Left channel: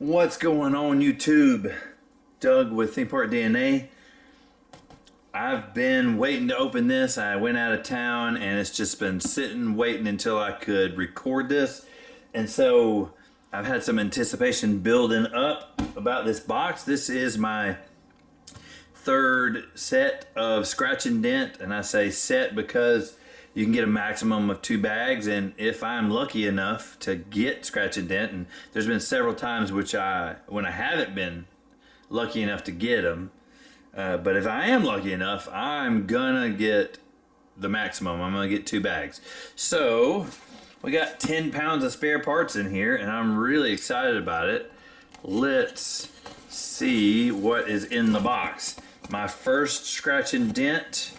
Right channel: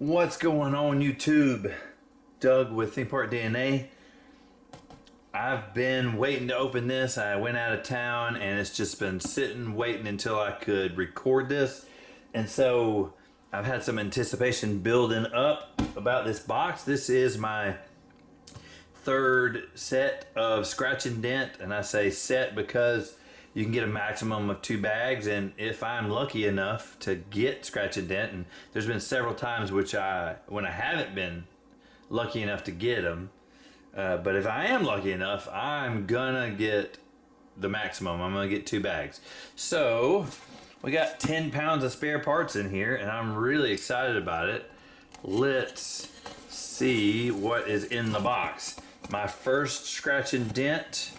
What's going on YouTube? Doug with Theme Park DNA. I've been waiting to open this. I went out of town and it's just been sitting waiting until I could record this. And so I've had some anticipation building up about this box. This is my third set of Scratch and Dent, and I say set because you can get a maximum of 2 bags, and if I'm lucky enough to get Scratch and Dent, and there's been several times when I haven't been lucky enough to get them, but if I am lucky enough, I'm gonna get the maximum. I'm gonna get 2 bags. So we got 10 pounds of spare parts in here, and I'm really excited about it. Let's see what is in the box. My first Scratch and Dent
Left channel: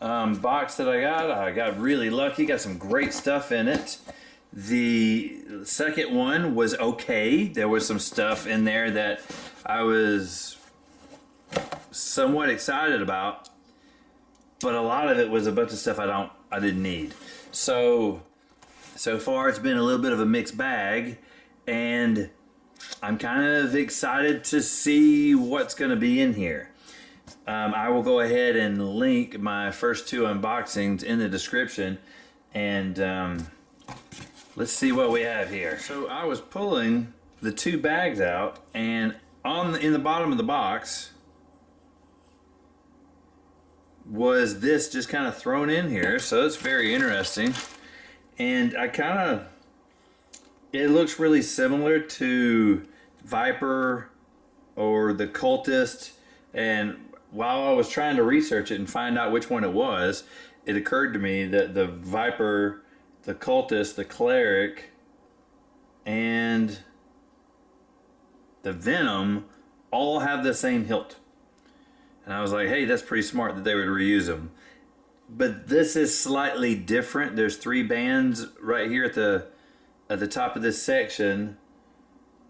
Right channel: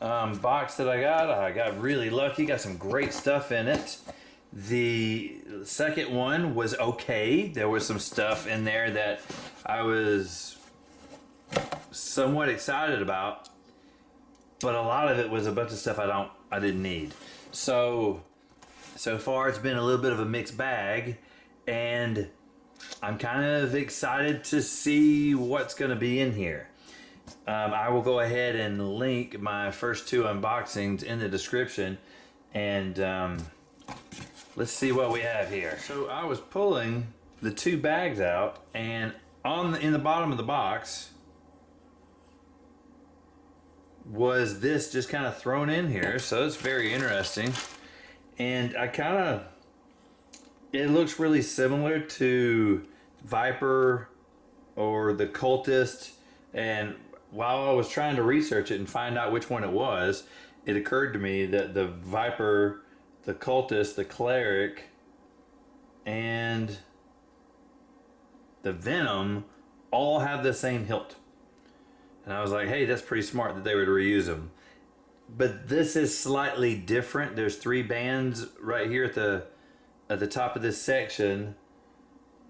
box that I got really lucky, got some great stuff in it. The second one was okay. There was some stuff in there that I was somewhat excited about, but a lot of it was a bunch of stuff I didn't need. So far it's been a little bit of a mixed bag, and I'm kind of excited to see what's going to be in here. I will go ahead and link my first 2 unboxings in the description, and let's see what we have here. So I was pulling the 2 bags out, and in the bottom of the box was this just kind of thrown in here, so it's very interesting. And it looks really similar to Viper or the Cultist, and while I was trying to research it and find out which one it was, it occurred to me that the Viper, the Cultist, the Cleric, and the Venom all have the same hilt. And I was like, hey, that's pretty smart that they would reuse them. But this is slightly different. There's 3 bands right here at the top of this section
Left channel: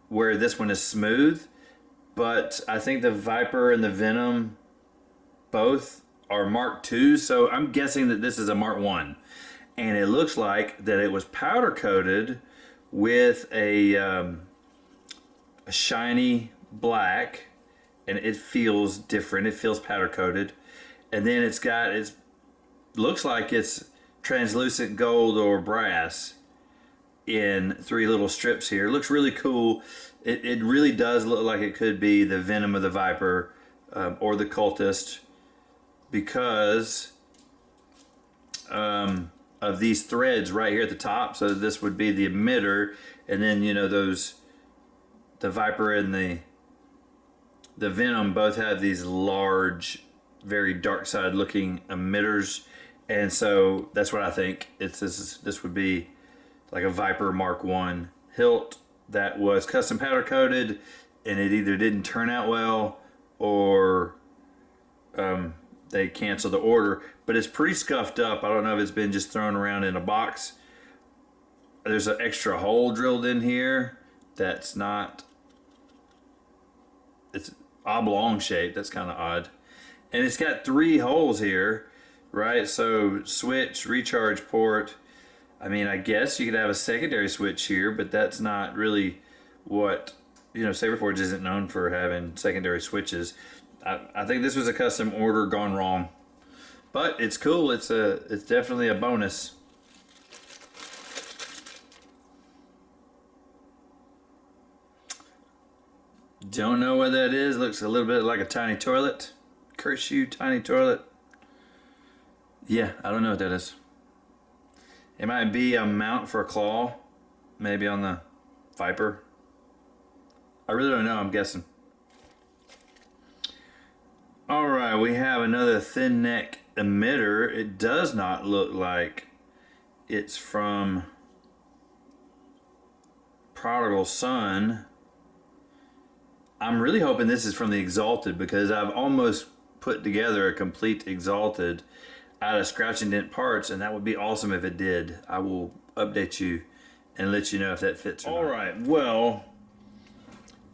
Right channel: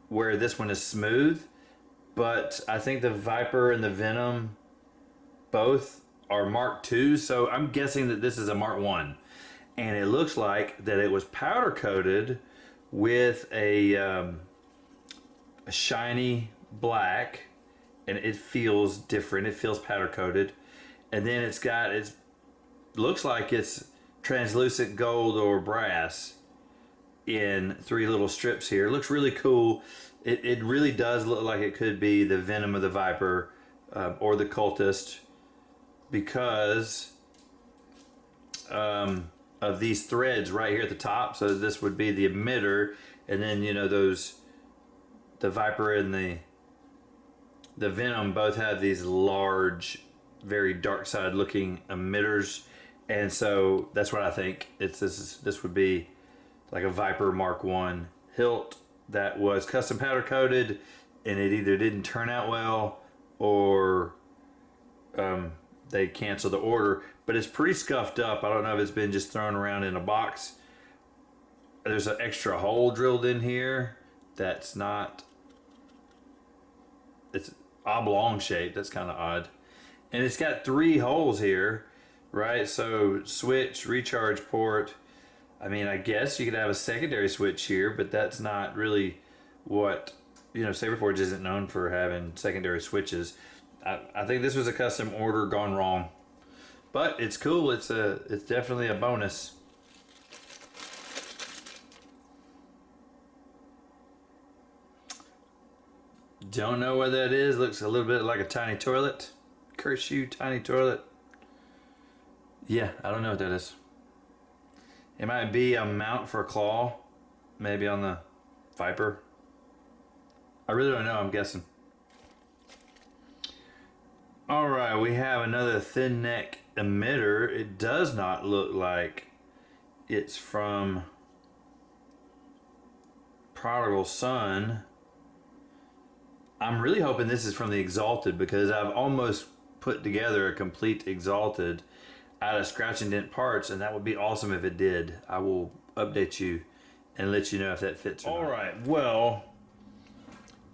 where this one is smooth. But I think the Viper and the Venom both are Mark II, so I'm guessing that this is a Mark I. And it looks like that it was powder coated with a shiny black, and it feels different. It feels powder coated, and then it looks like it's translucent gold or brass in 3 little strips here. It looks really cool. It really does look like it could be the Venom of the Viper or the Cultist, because of these threads right here at the top. So this would be the emitter, and then the Viper and the Venom both have these large, very dark side looking emitters, and so that's what I think. This would be like a Viper Mark I hilt that was custom powder coated, and it either didn't turn out well or they canceled the order. But it's pretty scuffed up. I don't know if it's been just thrown around in a box. There's an extra hole drilled in here that's not, it's oblong shaped. That's kind of odd. And it's got 3 holes here, right? So switch, recharge port. I mean, I guess you could have a secondary switch here, but that's not really what, Saberforge isn't known for having secondary switches. I think this was a custom order gone wrong, but it's cool. It's definitely a bonus. Don't know what that is. Looks a little bit like a tiny toilet. Curse you, tiny toilet. Yeah, I don't know what that is. It might be a mount for a claw, maybe on the Viper. I really don't know, I'm guessing. Alright, we have another thin neck emitter. It does not look like it's from Prodigal Son. I'm really hoping this is from the Exalted, because I've almost put together a complete Exalted out of Scratch and Dent parts, and that would be awesome if it did. I will update you and let you know if that fits or not. Alright, well,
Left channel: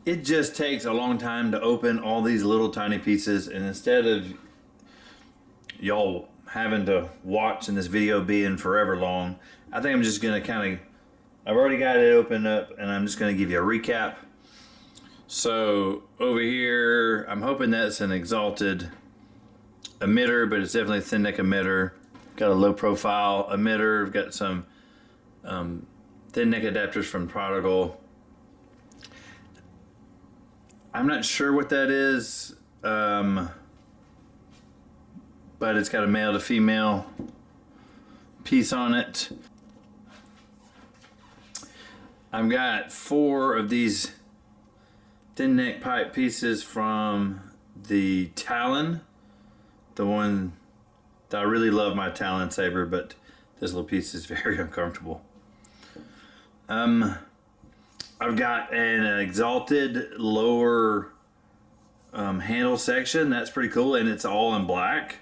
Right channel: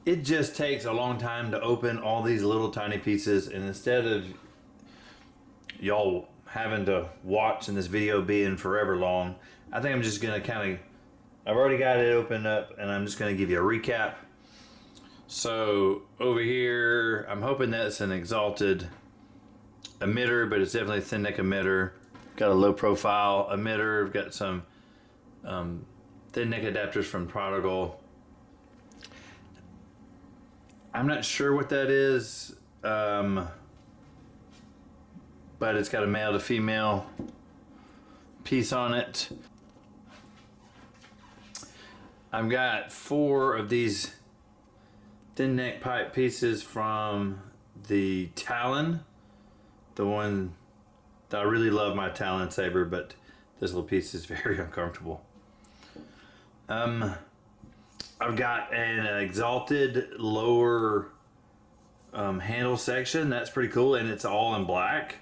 it just takes a long time to open all these little tiny pieces, and instead of y'all having to watch and this video being forever long, I think I'm just gonna I've already got it opened up, and I'm just gonna give you a recap So over here, I'm hoping that's an exalted emitter, but it's definitely a thin neck emitter. Got a low profile emitter. We've got some thin neck adapters from Prodigal. I'm not sure what that is, but it's got a male to female piece on it. I've got 4 of these thin neck pipe pieces from the Talon, the one that I really love, my Talon saber, but this little piece is very uncomfortable. I've got an exalted lower handle section. That's pretty cool, and it's all in black.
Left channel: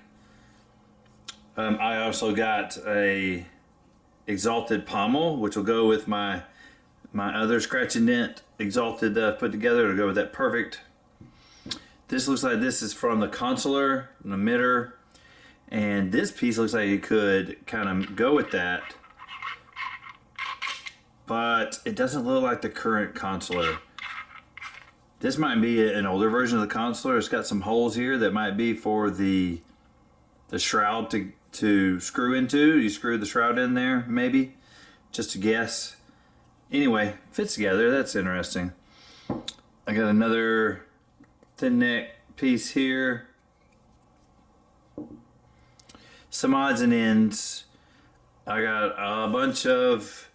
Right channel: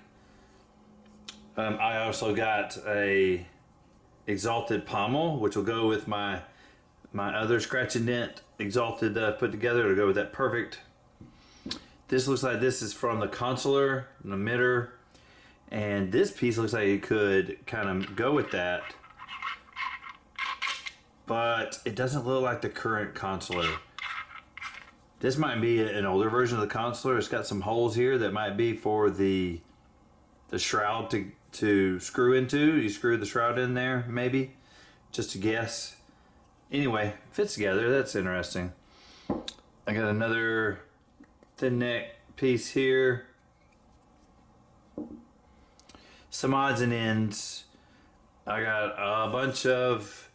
I also got a exalted pommel, which will go with my other Scratch and Dent exalted that I've put together to go with that perfect. This looks like this is from the consular, an emitter, and this piece looks like it could kind of go with that, but it doesn't look like the current consular. This might be an older version of the consular. It's got some holes here that might be for the shroud to screw into. You screw the shroud in there, maybe, just to guess. Anyway, fits together. That's interesting. I got another thin neck piece here. Some odds and ends. I got a bunch of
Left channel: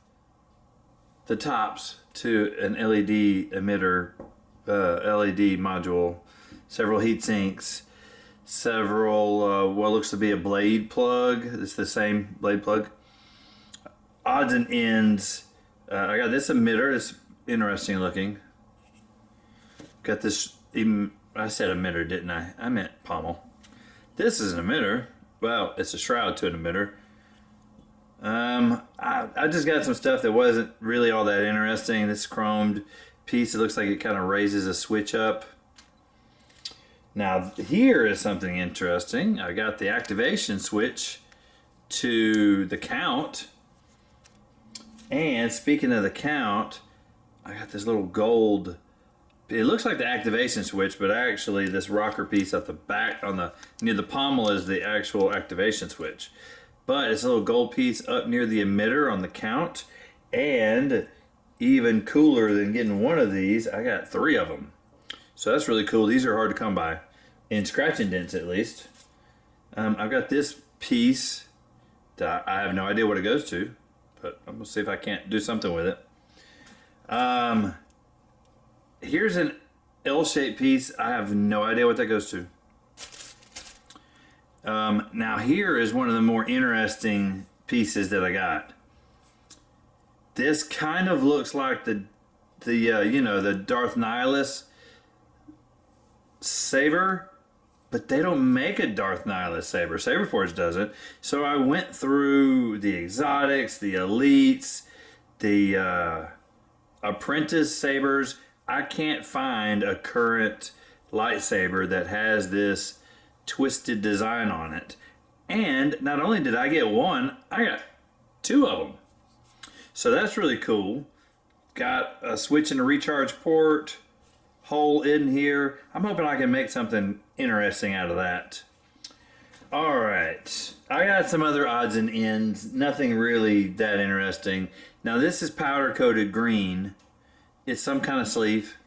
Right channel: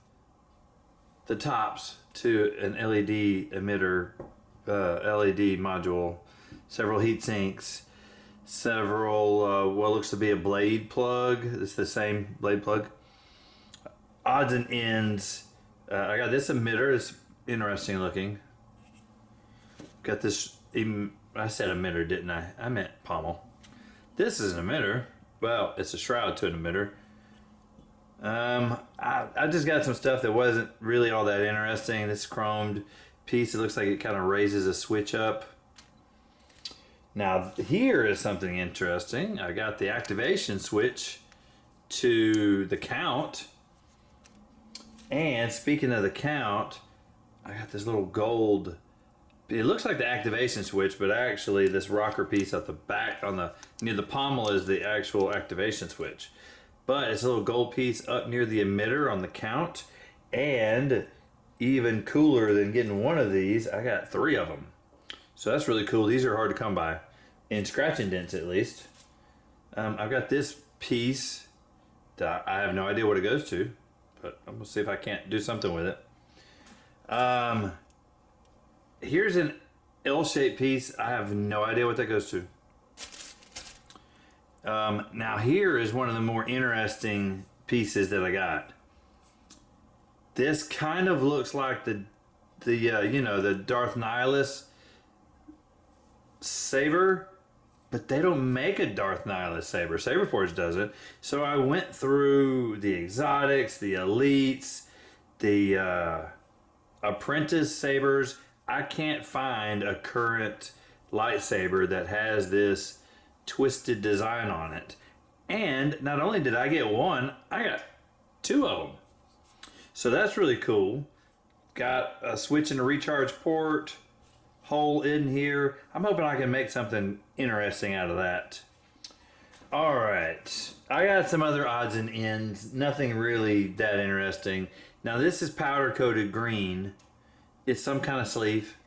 the tops to an LED emitter, LED module, several heat sinks, several what looks to be a blade plug. It's the same blade plug. Odds and ends. I got this emitter. It's interesting looking. Got this, I said emitter, didn't I? I meant pommel. This is an emitter. Well, it's a shroud to an emitter. I just got some stuff that wasn't really all that interesting. This chromed piece, it looks like it kind of raises a switch up. Now, here is something interesting. I got the activation switch to the count. And speaking of the count, I got this little gold. It looks like the activation switch, but actually this rocker piece at the back near the pommel is the actual activation switch. But it's a little gold piece up near the emitter on the count. And even cooler than getting one of these, I got 3 of them. So that's really cool. These are hard to come by, in Scratch and Dents at least. I've got this piece that I have no idea what it goes to, but I'm gonna see if I can't do something with it. Here's an L-shaped piece. I have no idea what that goes to. Now here is one of the more interesting pieces that I got. This kind of looks like the Darth Nihilus saber, but they don't make a Darth Nihilus saber. Saberforge doesn't. So I went through the exotics, the elites, the apprentice sabers. I can't find a current lightsaber that has this twisted design on it. And not only did I get one, I got 2 of them. So that's really cool. Got a switch and a recharge port, hole in here. I'm hoping I can make something interesting out of that. All right, I got some other odds and ends. Nothing really that interesting. Now this is powder coated green. It's some kind of sleeve,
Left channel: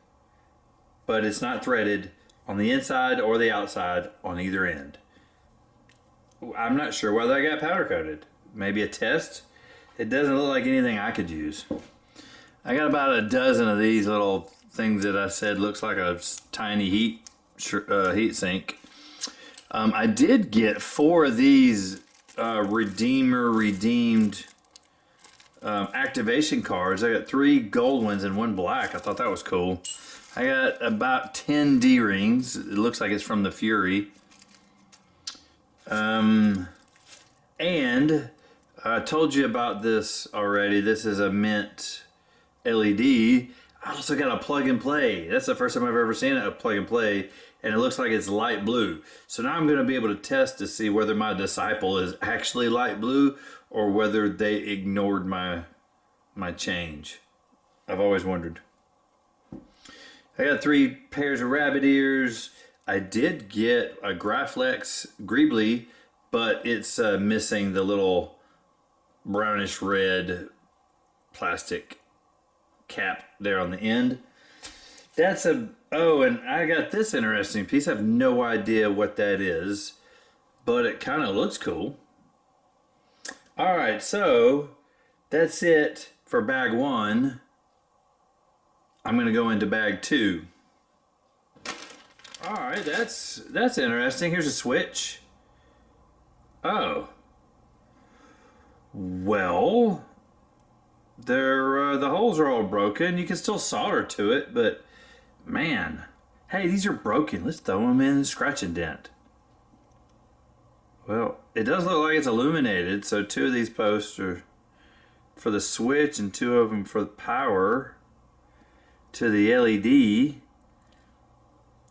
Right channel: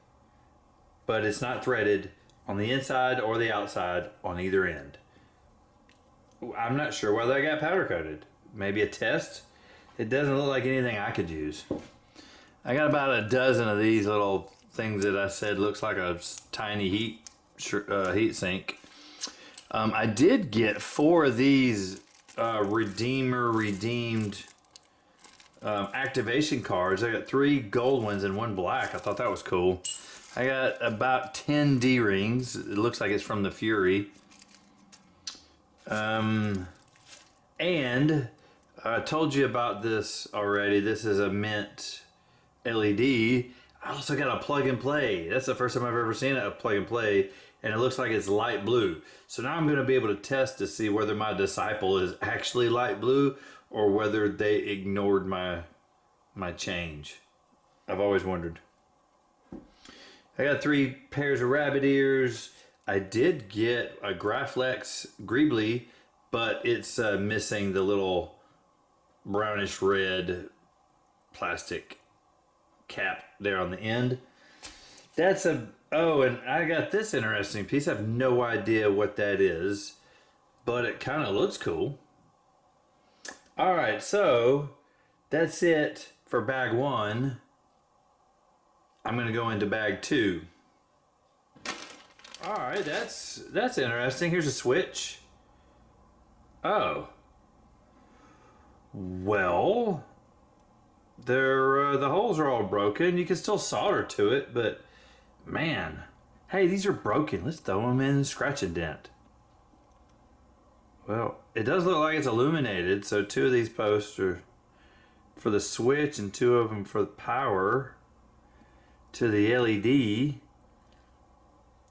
but it's not threaded on the inside or the outside on either end. I'm not sure whether I got powder coated. Maybe a test. It doesn't look like anything I could use. I got about a dozen of these little things that I said looks like a tiny heat sink. I did get 4 of these redeemed activation cards. I got 3 gold ones and 1 black. I thought that was cool. I got about 10 D-rings. It looks like it's from the Fury. And I told you about this already. This is a mint LED. I also got a plug and play. That's the first time I've ever seen a plug and play, and it looks like it's light blue. So now I'm going to be able to test to see whether my Disciple is actually light blue or whether they ignored my change. I've always wondered. I got 3 pairs of rabbit ears. I did get a Graflex Greebly, but it's missing the little brownish red plastic cap there on the end. That's a... Oh, and I got this interesting piece. I have no idea what that is, but it kind of looks cool. All right, so that's it for bag 1. I'm going to go into bag 2. All right, that's interesting. Here's a switch. Oh. Well, the holes are all broken. You can still solder to it, but man, hey, these are broken. Let's throw them in Scratch and Dent. Well, it does look like it's illuminated, so 2 of these posts are for the switch and 2 of them for the power to the LED.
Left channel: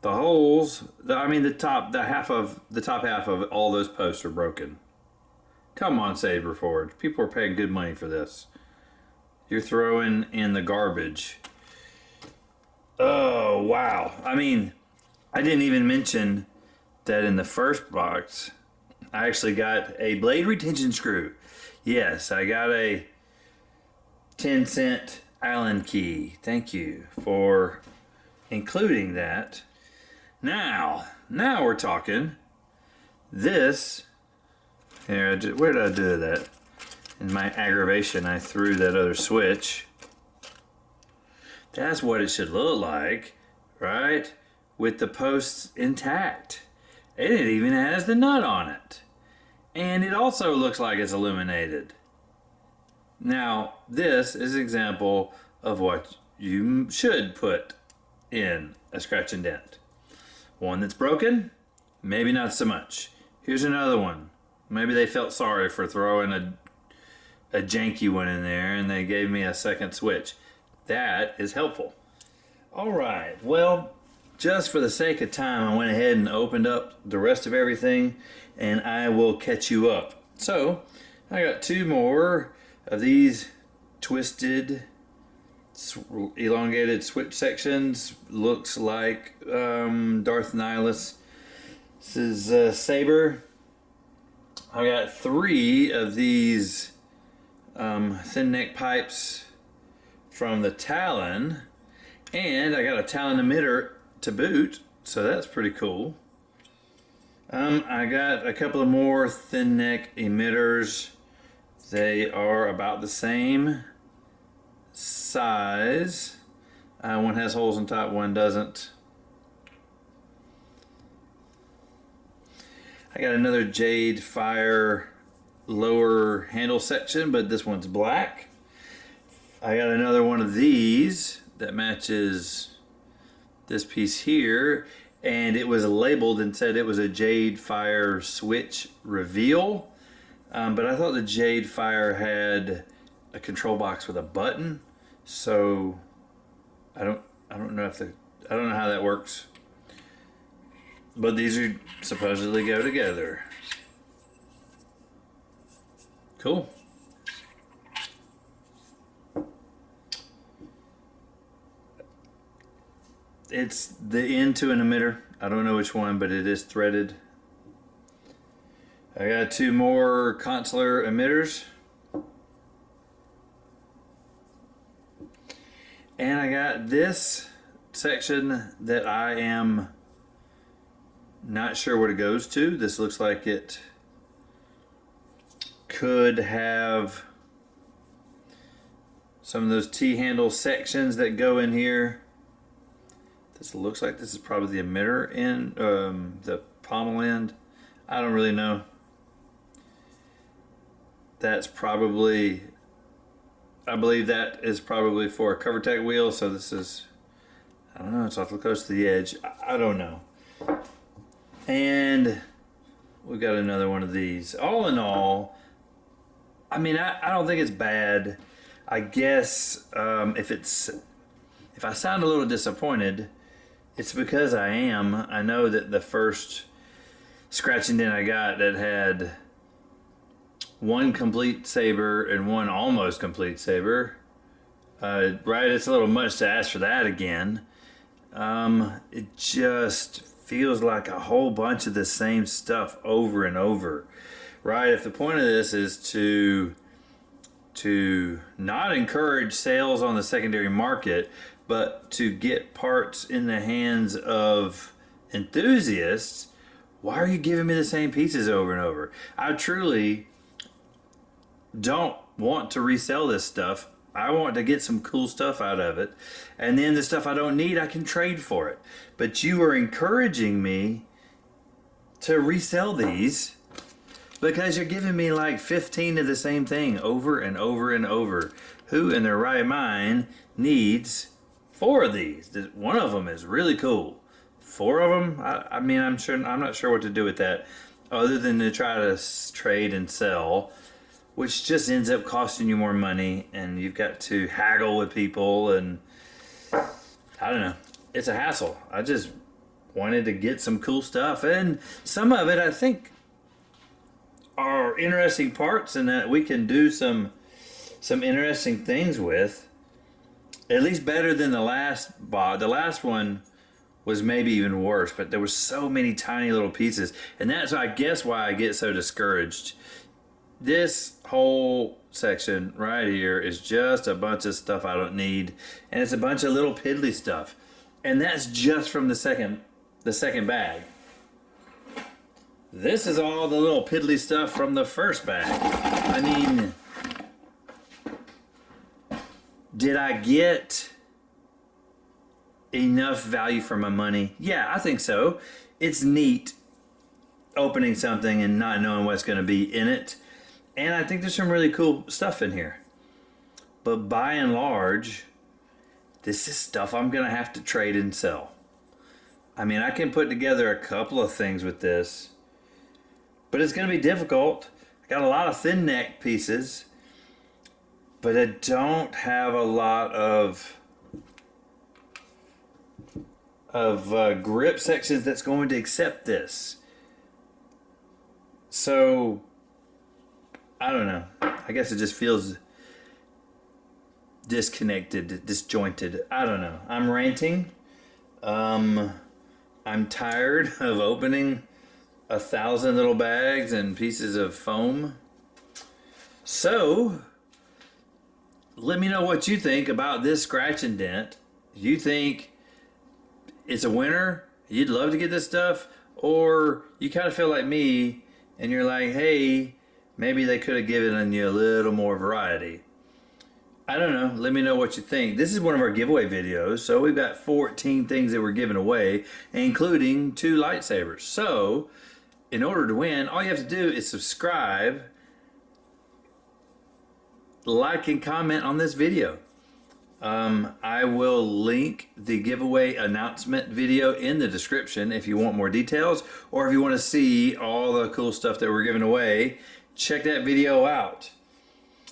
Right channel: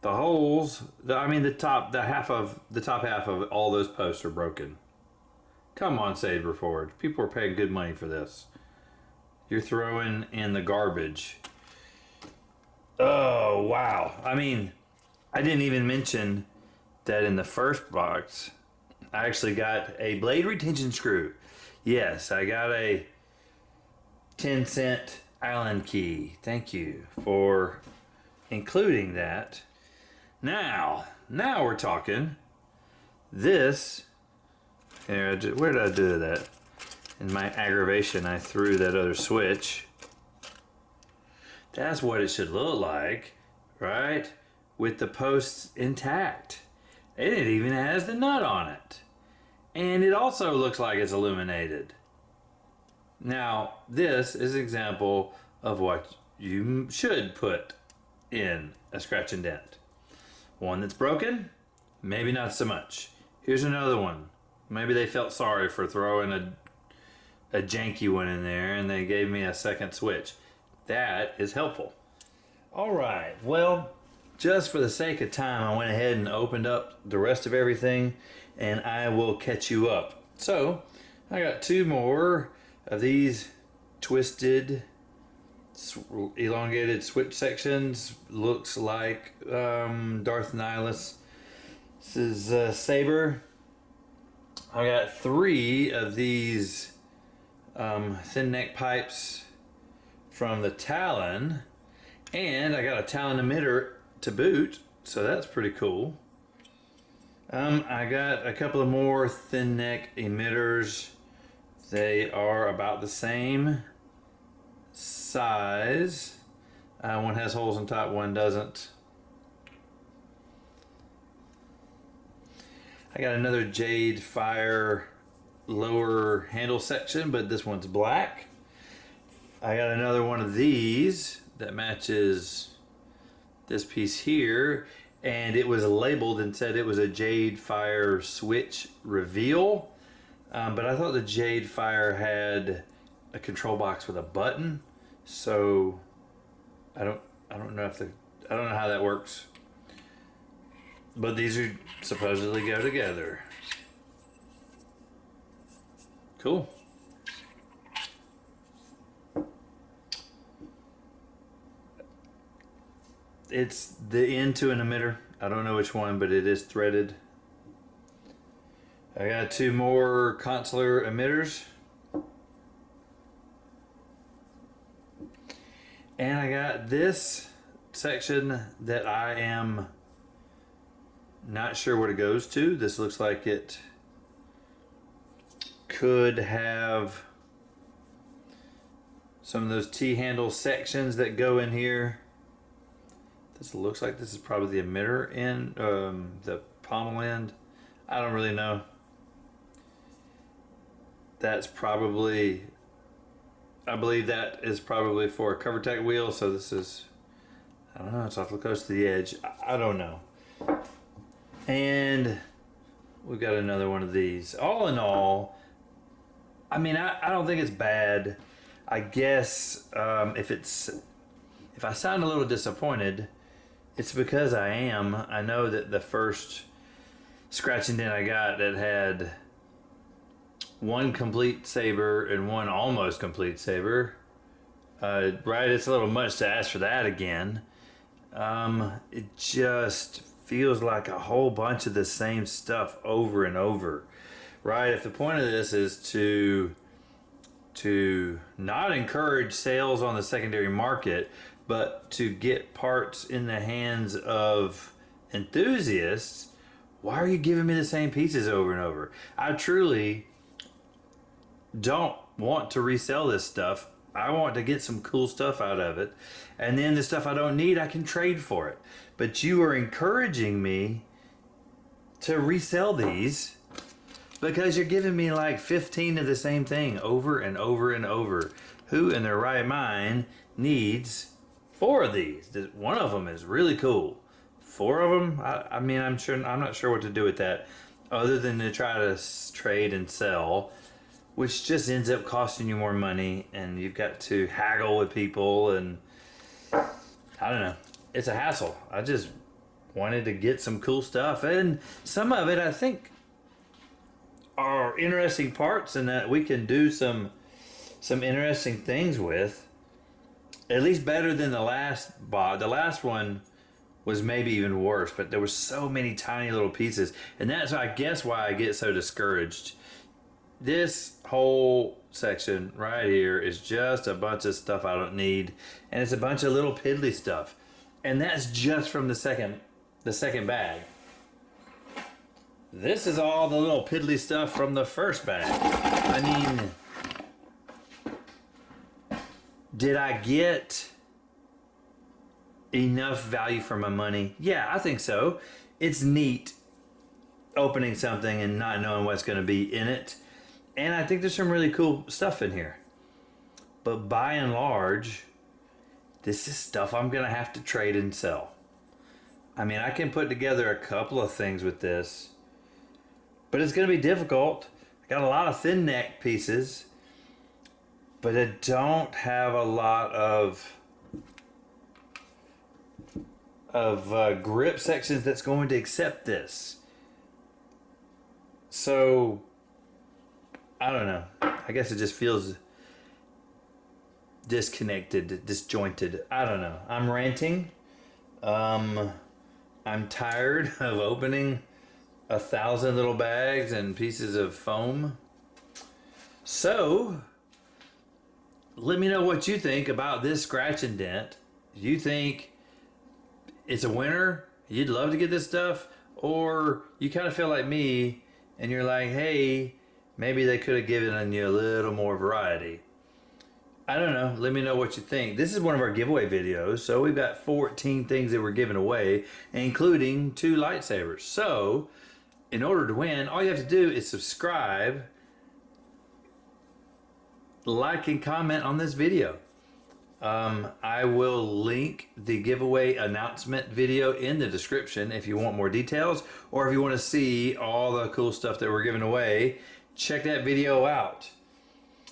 The holes, the top half of all those posts are broken. Come on, Saberforge. People are paying good money for this. You're throwing in the garbage. Oh, wow. I didn't even mention that in the first box, I actually got a blade retention screw. Yes, I got a 10-cent Allen key. Thank you for including that. Now we're talking. This, here, where did I do that? In my aggravation, I threw that other switch. That's what it should look like, right? With the posts intact. And it even has the nut on it. And it also looks like it's illuminated. Now, this is an example of what you should put in a Scratch and Dent. One that's broken, maybe not so much. Here's another one. Maybe they felt sorry for throwing a janky one in there and they gave me a second switch. That is helpful. All right, well, just for the sake of time, I went ahead and opened up the rest of everything and I will catch you up. So, I got 2 more of these twisted, elongated switch sections. Looks like Darth Nihilus. This is Saber. I got 3 of these thin neck pipes from the Talon, and I got a Talon emitter to boot, so that's pretty cool. I got a couple of more thin neck emitters. They are about the same size. One has holes on top, one doesn't. I got another Jade Fire lower handle section, but this one's black. I got another one of these that matches this piece here, and it was labeled and said it was a Jade Fire switch reveal. But I thought the Jade Fire had a control box with a button, so I don't know how that works. But these are supposedly go together. Cool. It's the end to an emitter. I don't know which one, but it is threaded. I got 2 more consular emitters. And I got this section that I am not sure what it goes to. This looks like it could have some of those T-handle sections that go in here. This looks like this is probably the emitter end, the pommel end. I don't really know. That's probably, I believe that is probably for a CoverTech wheel. So this is, I don't know, it's awfully close to the edge. I don't know. And we got another one of these. All in all, I don't think it's bad. I guess if I sound a little disappointed, it's because I am. I know that the first Scratch and Dent I got that had 1 complete Saber and 1 almost complete Saber. Right, it's a little much to ask for that again. It just feels like a whole bunch of the same stuff over and over, right? If the point of this is to not encourage sales on the secondary market, but to get parts in the hands of enthusiasts, why are you giving me the same pieces over and over? I truly don't want to resell this stuff. I want to get some cool stuff out of it. And then the stuff I don't need, I can trade for it. But you are encouraging me to resell these because you're giving me like 15 of the same thing over and over and over. Who in their right mind needs 4 of these? One of them is really cool. 4 of them? I mean, I'm not sure what to do with that other than to try to trade and sell, which just ends up costing you more money, and you've got to haggle with people, and I don't know. It's a hassle. I just wanted to get some cool stuff, and some of it I think are interesting parts, and that we can do some interesting things with. At least better than the last bot. The last one was maybe even worse, but there were so many tiny little pieces, and that's I guess why I get so discouraged. This whole section right here is just a bunch of stuff I don't need, and it's a bunch of little piddly stuff, and that's just from the second bag. This is all the little piddly stuff from the first bag. I mean, did I get enough value for my money? Yeah, I think so. It's neat opening something and not knowing what's going to be in it. And I think there's some really cool stuff in here. But by and large, this is stuff I'm going to have to trade and sell. I mean, I can put together a couple of things with this, but it's going to be difficult. I got a lot of thin neck pieces, but I don't have a lot of grip sections that's going to accept this. So I don't know. I guess it just feels disconnected, disjointed. I don't know. I'm ranting. I'm tired of opening 1,000 little bags and pieces of foam. So let me know what you think about this Scratch and Dent. You think it's a winner? You'd love to get this stuff? Or you kind of feel like me and you're like, hey, maybe they could have given you a little more variety. I don't know. Let me know what you think. This is one of our giveaway videos. So we've got 14 things that we're giving away, including 2 lightsabers. So in order to win, all you have to do is subscribe, like, and comment on this video. I will link the giveaway announcement video in the description if you want more details, or if you want to see all the cool stuff that we're giving away. Check that video out.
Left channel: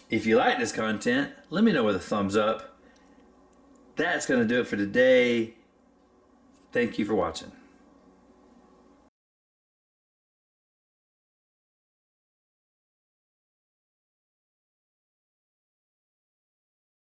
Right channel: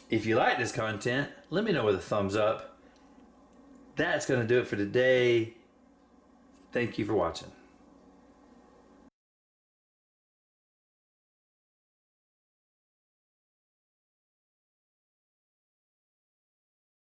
If you like this content, let me know with a thumbs up. That's going to do it for today. Thank you for watching.